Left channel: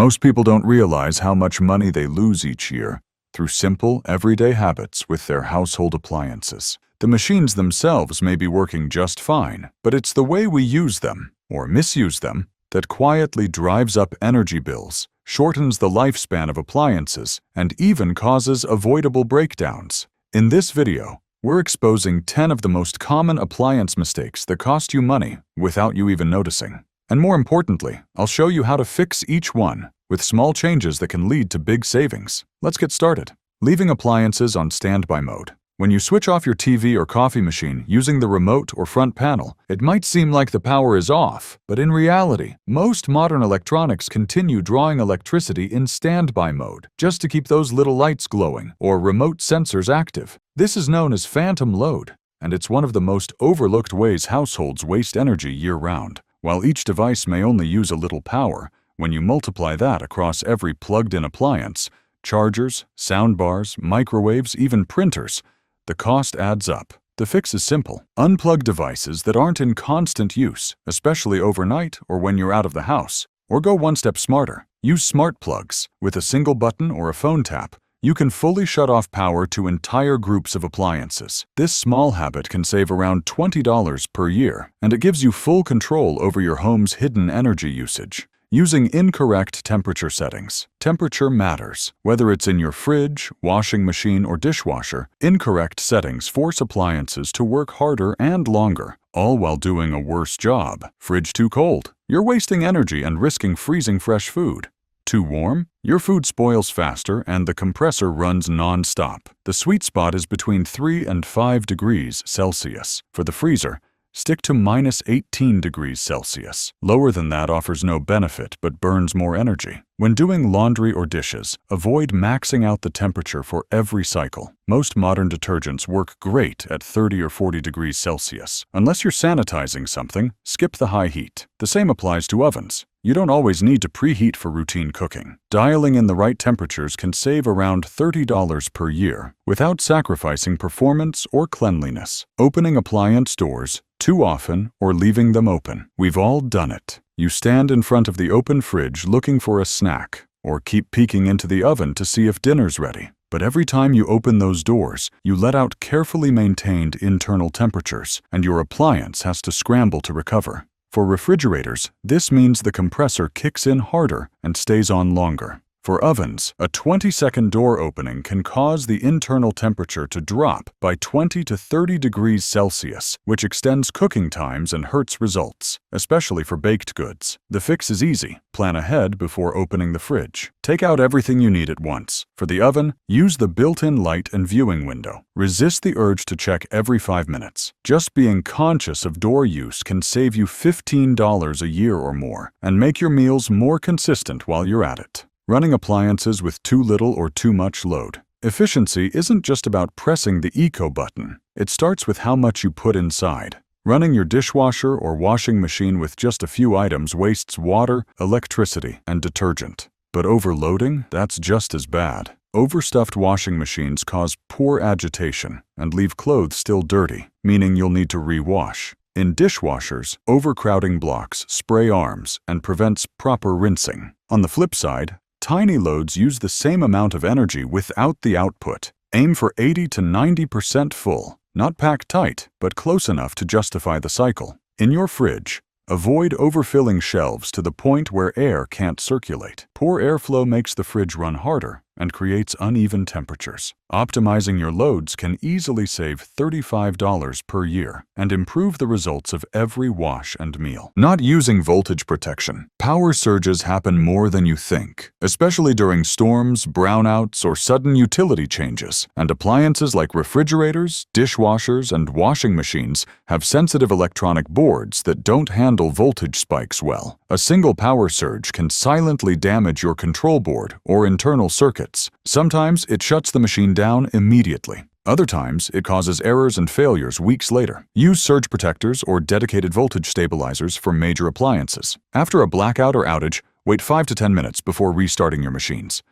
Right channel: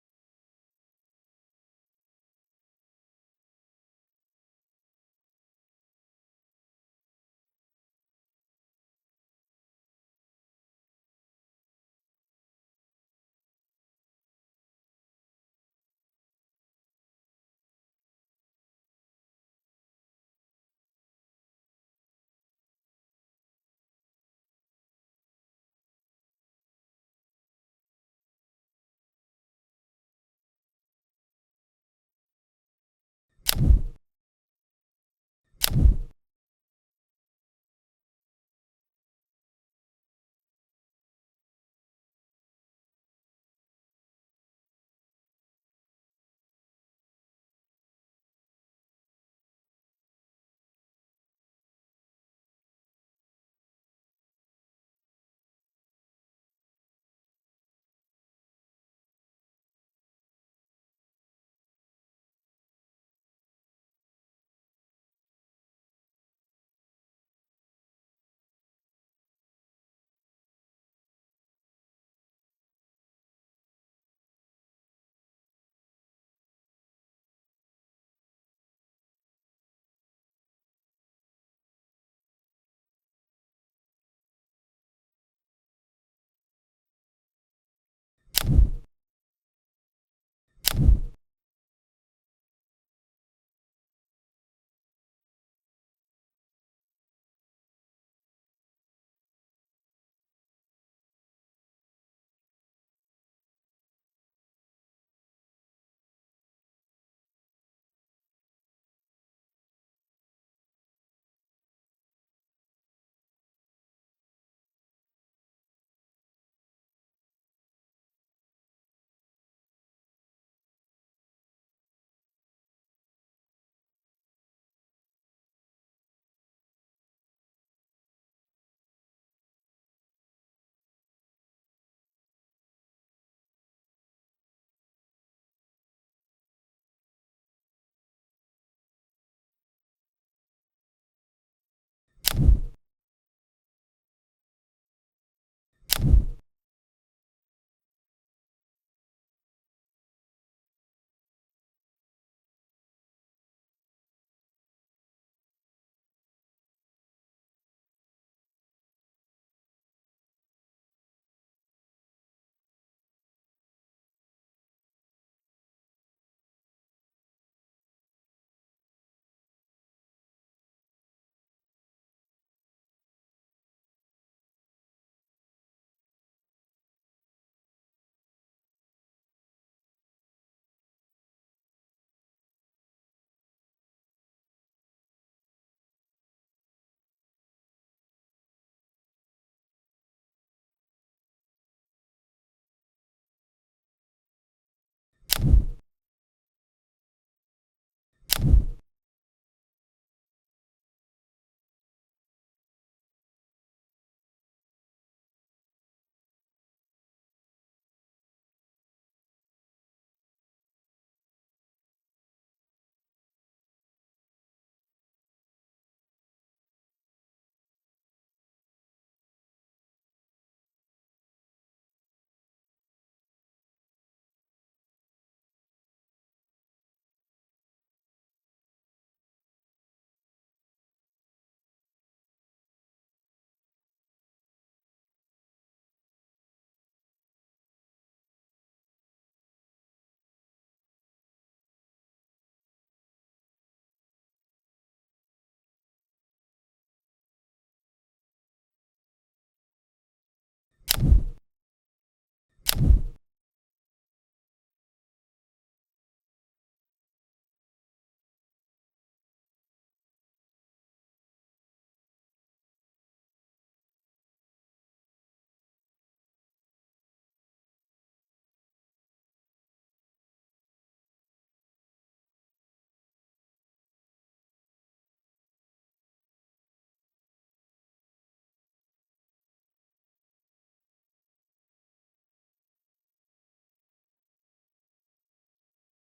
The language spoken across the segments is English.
Most people don't realize how much money they lose each year through simple, everyday habits with their household appliances. The machines themselves may be working just fine, but it's the way we use them, or misuse them, that quietly drives up energy bills, shortens the lifespan of appliances, and even causes avoidable breakdowns. In this video, we're exposing 10 of the most common appliance mistakes that cost you money without you even noticing. And more importantly, I'll show you how to fix each one with small changes that can lead to big savings. Let's get started. Leaving appliances on standby mode. When you switch off your TV or coffee machine using the remote or front panel, it might seem like the power is off, but in reality, most modern electronics continue drawing electricity in standby mode just to keep those little lights glowing or remote sensors active. This is known as phantom load, and it's one of the most overlooked ways households waste energy year-round. While each device may only use a little power, when you multiply that across every plugged-in appliance, chargers, soundbars, microwaves, even printers, the cost adds up. The fix is simple. Unplug devices that aren't in constant use, especially overnight or when you're out of the house. Or go one step smarter. Use smart plugs. With a single button or a phone tap, you can fully shut off power to entire groups of appliances. This small habit can save around $20 per year, and it gives you full control over your home's hidden energy usage. Using incorrect temperature settings. Temperature matters. Whether it's in your fridge, washing machine, or dishwasher, incorrect settings force appliances to work harder and longer, all while doing a worse job. Fridge too cold. You're wasting energy and risking freezing fresh food. Too warm? Your food spoils faster and the compressor runs non-stop. The sweet spot is between 3 and 5 degrees Celsius. For the freezer, stick to -18 degrees Celsius. Lower than that offers no benefit but burns more energy. When doing laundry or dishes, avoid maxing out the temperature for every cycle. Most modern detergents work great at 30 or 40 degrees Celsius. Unless you're sanitizing something, skip the high heat. The same applies to ovens. You don't always need to preheat for routine cooking. Dialing in the right temperatures can save around $30 per year without sacrificing performance or cleanliness. Opening appliance doors too often or leaving them open. We've all done it. You stand in front of the open fridge looking for a snack, or keep peeking into the oven to see if dinner's ready. But every time you open those doors, you let out carefully maintained internal temperatures, and your appliance has to scramble to recover. For refrigerators, this means the compressor kicks in harder and stays on longer. For ovens, a 20-second door opening can cause the internal temperature to drop by 20 to 30 degrees Celsius, which extends cooking times and hurts results, especially for baked goods. The fix is easy. Plan ahead before opening the fridge. Take out everything you need at once. For the oven, use the built-in light and viewing window. Resist the urge to check every 5 minutes. Just being conscious of door use can save you $15 a year or more and make your meals more consistent while you're at it. Running appliances with too little or too much load. Efficiency isn't just about pressing the eco button. It starts with how much you put inside. Running your dishwasher or washing machine with just a few items wastes water, electricity, and detergent. But overloading? That's just as bad. Overstuffed washing machines cause poor agitation and leave clothes still dirty, meaning you'll need to rewash. In dishwashers, overcrowding blocks spray arms and prevents proper rinsing. On the flip side, tiny loads use the same amount of energy without the output. Aim for 80 to 90% full. Not packed tight, but close enough to justify the cycle. In your fridge, avoid overfilling shelves to the point where air can't circulate. Poor airflow makes the fridge run harder and creates uneven temperatures. Optimizing your loads can easily save $35 per year and improve the results of every wash and meal. Not using voltage protection. Power surges happen more than you think, especially during storms, brownouts, or sudden utility changes. And appliances like refrigerators, dishwashers, and washing machines have sensitive electronic boards that don't handle voltage spikes well. A single power surge can silently damage your control board or internal circuits. Sometimes it shuts the machine down immediately. Other times, it causes errors and failures weeks later. Use surge protectors or dedicated voltage stabilizers for major appliances. After a blackout or outage, wait 5 to 10 minutes before restarting your machines.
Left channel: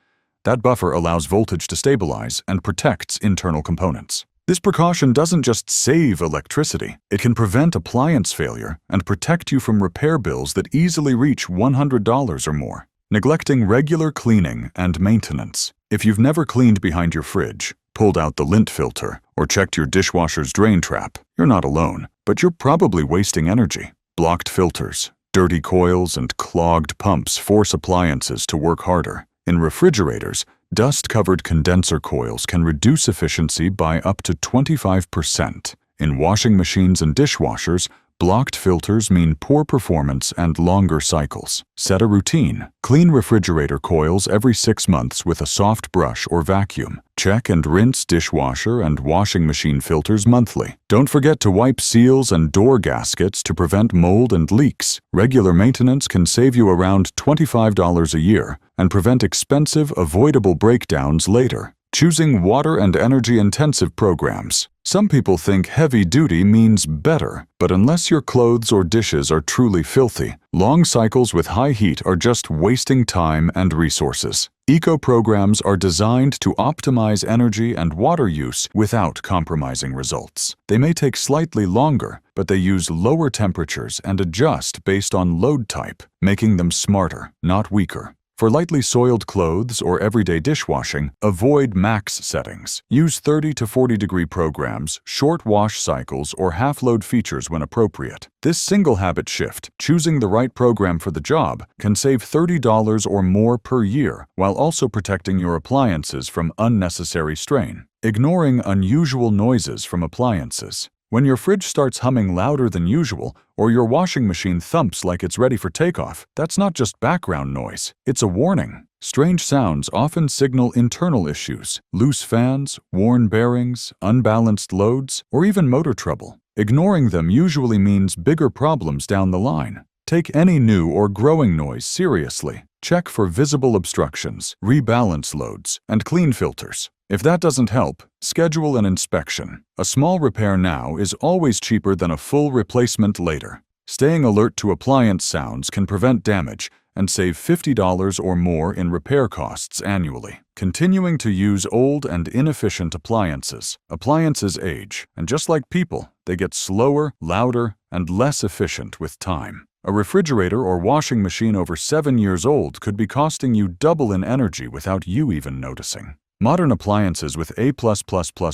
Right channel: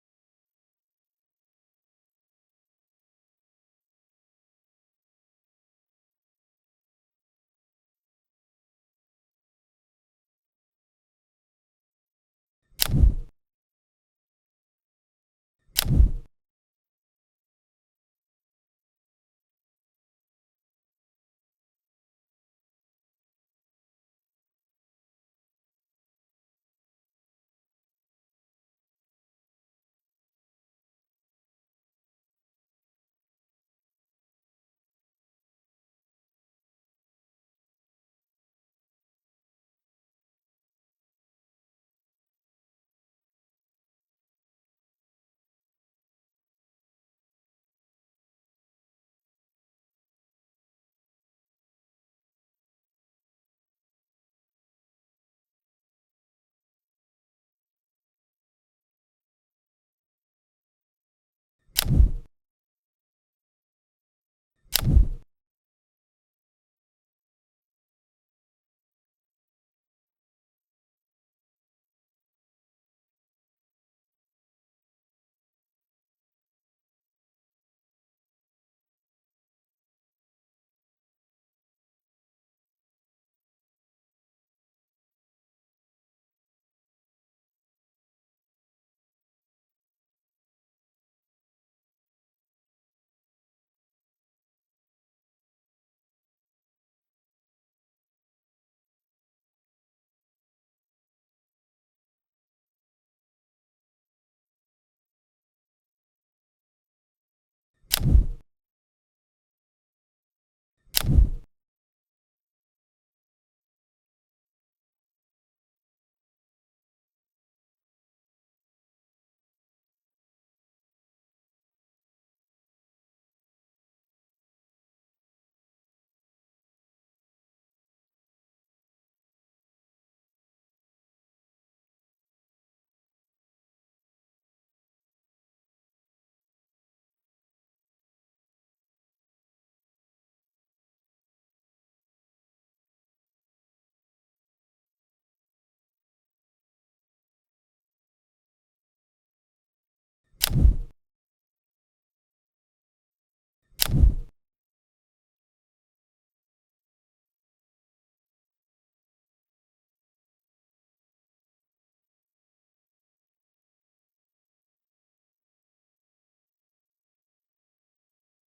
That buffer allows voltage to stabilize and protects internal components. This precaution doesn't just save electricity, it can prevent appliance failure and protect you from repair bills that easily reach $100 or more. Neglecting regular cleaning and maintenance. If you've never cleaned behind your fridge, pulled out the lint filter, or checked your dishwasher's drain trap, you're not alone, but you're probably wasting energy. Blocked filters, dirty coils, and clogged pumps force appliances to work harder. In refrigerators, dust-covered condenser coils can reduce efficiency by up to 25%. In washing machines and dishwashers, blocked filters mean poor performance and longer cycles. Set a routine. Clean refrigerator coils every 6 months with a soft brush or vacuum. Check and rinse dishwasher and washing machine filters monthly. Don't forget to wipe seals and door gaskets to prevent mold and leaks. Regular maintenance can save you around $25 a year and prevent expensive, avoidable breakdowns later. Choosing water and energy-intensive programs. Some people think heavy duty means better, but unless your clothes or dishes are truly filthy, long cycles with high heat are just wasting time and resources. Eco programs are designed to optimize energy and water use without compromising results. They may take slightly longer, but they use lower temperatures and adjust based on load type, making them smarter, not weaker. For lightly soiled clothes or everyday dishwashing, avoid max settings. Use 30 to 40 degree programs, short wash cycles, or half-load features when appropriate. This single habit shift, choosing the right program for the job, can save $30 or more per year, while also protecting your appliances from unnecessary strain. Ignoring unusual noises from appliances. When your fridge starts humming louder than usual, or your washing machine thumps like it's ready for takeoff, that's not just background noise, it's a warning. Strange sounds often signal internal issues, loose fans, worn bearings, unbalanced loads, or even motor trouble. Ignoring them usually means bigger problems down the line. Take any new or growing noise seriously. Check for visible obstructions, rebalance loads, and clean filters. If that doesn't help, schedule an inspection. A small repair now is always cheaper than a full replacement later. Staying alert to appliance sounds can prevent damage and save $50 or more in repair costs annually. Continuing to use old and inefficient appliances. Appliances age, and just like people, they get slower, louder, and less efficient with time. A refrigerator or washing machine over 7 years old could be costing you double in energy without you even noticing. Modern appliances with A+++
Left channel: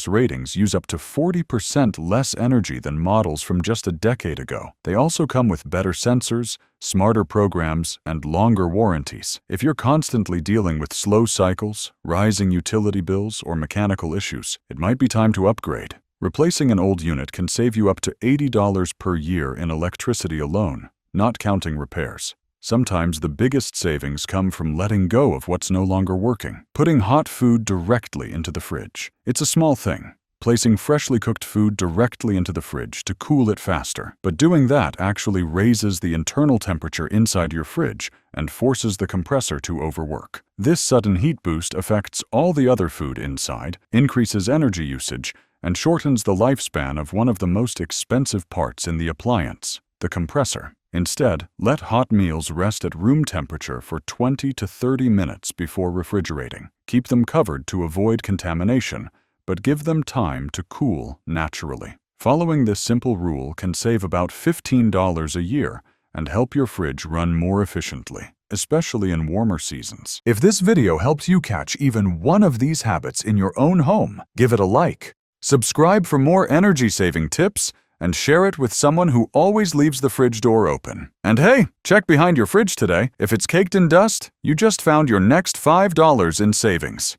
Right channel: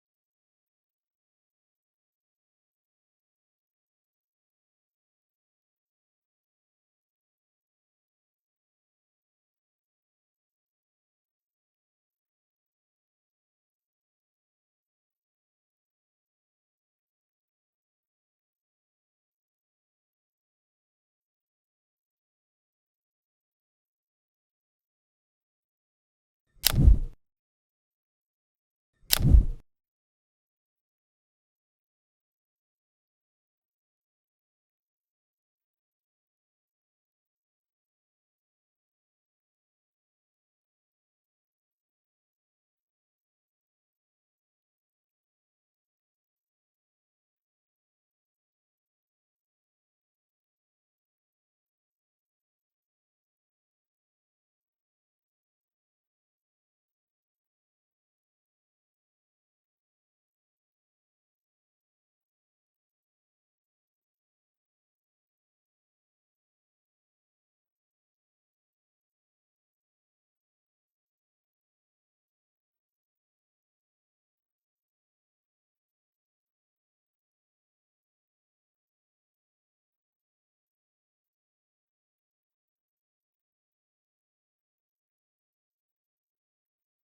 ratings use up to 40% less energy than models from just a decade ago. They also come with better sensors, smarter programs, and longer warranties. If you're constantly dealing with slow cycles, rising utility bills, or mechanical issues, it might be time to upgrade. Replacing an old unit can save you up to $80 per year in electricity alone, not counting repairs. Sometimes the biggest savings come from letting go of what's no longer working. Putting hot food directly into the fridge. It's a small thing, placing freshly cooked food directly into the fridge to cool it faster. But doing that actually raises the internal temperature inside your fridge and forces the compressor to overwork. This sudden heat boost affects all the other food inside, increases energy usage, and shortens the lifespan of one of the most expensive parts in the appliance, the compressor. Instead, let hot meals rest at room temperature for 20 to 30 minutes before refrigerating. Keep them covered to avoid contamination, but give them time to cool naturally. Following this simple rule can save about $15 a year and help your fridge run more efficiently, especially in warmer seasons. If this video helps you catch even one of these habits in your own home, give it a like. Subscribe for more energy-saving tips, and share it with someone who always leaves the fridge door open. And hey, check behind your fridge today. If it's caked in dust, you just found your next $5 in savings.